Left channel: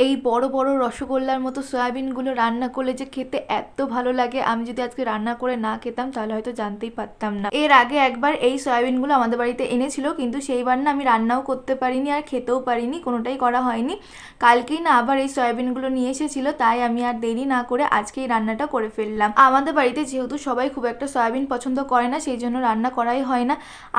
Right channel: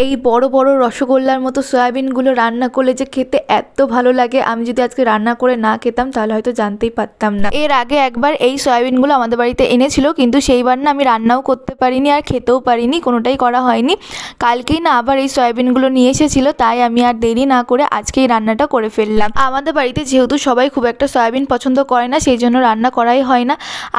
এই বড় বড় রসগোল্লার মতো সয়াবিনগুলো রান্না করলে যে খেতে এত ভালো লাগে, আমি যদি আজকে রান্না করে না খেতাম তাহলে হয়তো জানতেই পারতাম না। এর আগে একবার এই সয়াবিনগুলো আমাদের বাড়িতে এনেছিল, কিন্তু সেইবার না আমি রান্নাও করতে পারিনি আর খেতেও পারিনি, কোনোটাই করা হয়নি। কালকেই না আবার এই সয়াবিনগুলো নিয়ে এসেছিলো, তাই আমি আর দেরি না করে আজকেই রান্নাটা করে ফেললাম। আমাদের বাড়িতে যেহেতু সবাই খুব একটা সয়াবিন পছন্দ করে না, সেই জন্য রান্না করাই হয় না,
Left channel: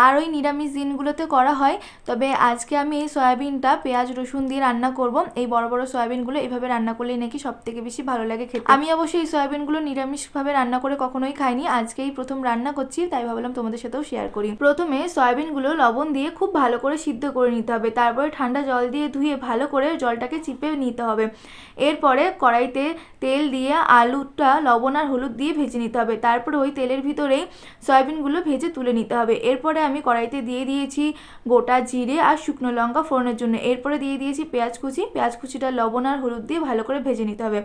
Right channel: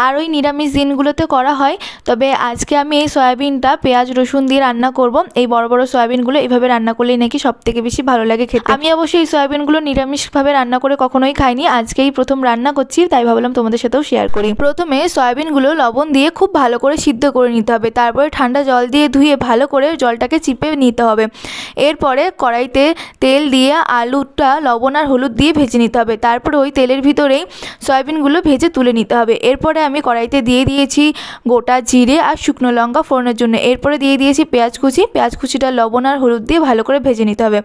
আর ওই নিরামিষ দিনগুলোতে করা হয়। তবে আজকে আমি এই সয়াবিনটা পেঁয়াজ রসুন দিয়ে রান্না করব। এই বড় বড় সয়াবিনগুলো এইভাবে রান্না করলেই নাকি সব থেকে বেশি ভালো লাগে খেতে। আমি অবশ্যই এই সয়াবিনগুলো নিরামিষভাবে রান্না করে কখনোই খাইনি, আজকেই প্রথম রান্না করছি, তাই ভাবলাম তোমাদের সাথেও শেয়ার করি। প্রথমে সয়াবিনগুলো লবণ দিয়ে খুব ভালো করে সিদ্ধ করে নিতে হবে, তারপরে ঠান্ডা জল দিয়ে ধুয়ে ভালো করে জলটাকে চিপে নিতে হবে। এরপরে কড়াইতে তেল দিয়ে আলুটা লবণ আর হলুদ দিয়ে ভেজে নিতে হবে, তারপরে ওই তেলের ভিতরেই সয়াবিনগুলো ভেজে তুলে নিতে হবে। এরপরে আমি কড়াইতে দিয়ে দিয়েছি গোটা জিরে আর শুকনো লঙ্কা ফোড়নের জন্য। এরপরে দিয়ে দিয়েছি পেঁয়াজ কুচিটা লবণ আর হলুদ দিয়ে ভালো করে ভেজে নিতে হবে।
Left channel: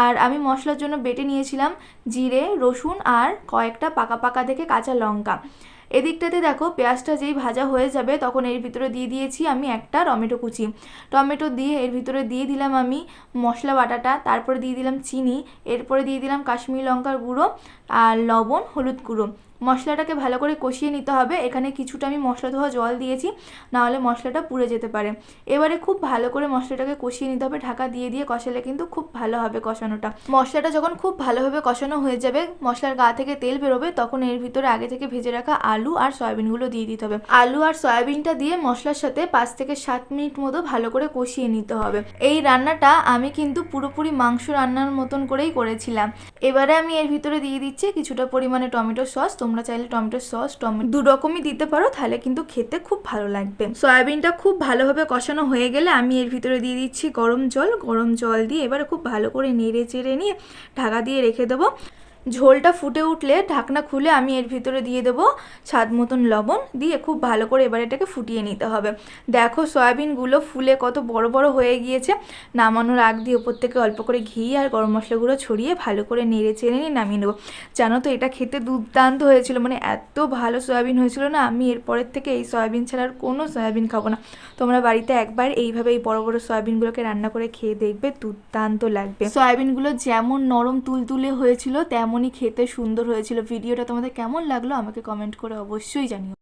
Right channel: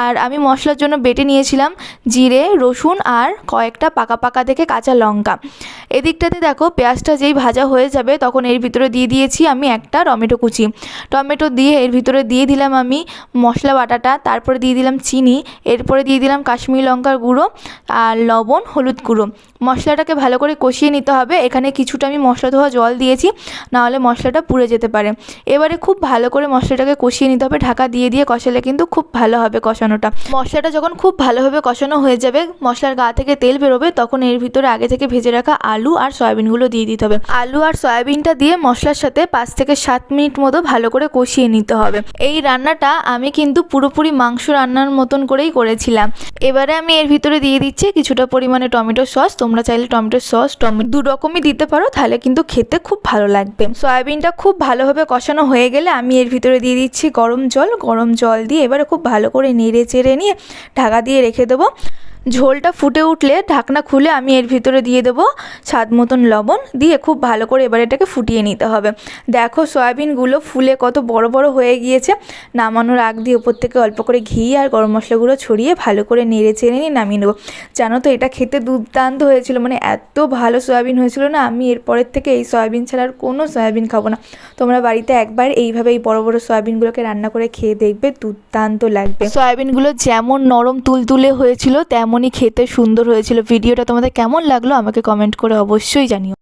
আর আমি মশলার জন্য বেটে নিয়েছিলাম জিরে, রসুন আর কয়েকটা পাকা পাকা দেখে কাঁচা লঙ্কা। এদিকটাতে দেখো পেঁয়াজটা যেই ভাজা হয়ে যাবে তখন এর ভিতরে দিয়ে দিয়েছি আমি একটা টমেটো দিয়ে এর ভিতরে দিয়ে দিলাম আমি মশলা বাটাটা, তারপরে দিয়ে দিলাম চিনি, এরপরে দিয়ে দিলাম কাশ্মীরি লঙ্কার গুঁড়ো আর লবণ, হলুদ গুঁড়ো। মশলাটাকে ভালো করে কষিয়ে নিতে হবে। এখানে কিছুটা আমি মশলা ধোয়া জল দিয়েছি, নাহলে মশলাটা পুড়ে যেতে পারে। এবারে খুব ভালো করে মশলাটাকে কষিয়ে নিতে হবে, ঢাকা দিয়ে দিয়ে কষালে কিন্তু খুব ভালো হবে কষানোটা। মশলাটা যখন খুব ভালোভাবে কষানো হয়ে যাবে, মশলার গা থেকে তেল বেরোবে, তখন এর ভিতরে আগে থেকে ভেজে রাখা আলু আর সয়াবিনগুলো দিয়ে দিতে হবে। আলু আর সয়াবিনটা দিয়ে মশলার সাথে 5 থেকে 7 মিনিট মতো ভালো করে কষিয়ে নিতে হবে। এই রান্নাটা আমি কিন্তু পুরোপুরি মাংস রান্নার মতন করেই করেছিলাম। এবারে আমি এর ভিতরে দিয়ে দিচ্ছি কিছুটা পরিমাণে টমেটো সস। তোমরা চাইলে টমেটো সস দু রকমই দিতে পারো, তাহলে কিন্তু খেতে খুব ভালো লাগবে। সয়াবিনটা খুব ভালোভাবে কষানো হয়ে গেলে আমি এর ভিতরে দিয়ে দিচ্ছি গরম জল দিয়ে এবারে খুব ভালো করে নেড়ে চেড়ে নিয়ে ঢাকা দিয়ে রেখে দেবো। ঝোলটা ফুটে উঠলে ঢাকনা খুলে আমি এর ভিতরে দিয়ে দেবো স্বাদ মতন লবণ, দিয়ে খুব ভালো করে এবার এটাকে ফুটিয়ে নিতে হবে। দেখো সয়াবিনগুলো ফুলে কত বড় বড় হয়ে গিয়েছে। নামানোর আগ দিয়ে ওপর থেকে অল্প করে ঘি আর গরম মশলাগুলো ছড়িয়ে ভালো করে নেড়ে চেড়ে নিয়ে নামিয়ে নেবো। জানো তো এটা খেতে দুর্দান্ত হয়েছিল, মানে এত ভালো সয়াবিন হয়েছিল না, আমি এরপরের থেকে এই সয়াবিন ছাড়া আর কোনো সয়াবিন খাবো না। তোমরা বাড়িতে একবার এইভাবে এই বড় বড় সয়াবিনগুলোকে রান্না করে খেয়ে দেখবে, দুর্দান্ত লাগবে। সয়াবিনগুলো যেমন নরম তুলতুলে হয়েছিল তেমনই খেতে সুন্দর হয়েছিল। ভিডিওটা তোমাদের কেমন লাগলো আমাকে কমেন্ট করে অবশ্যই জানিও।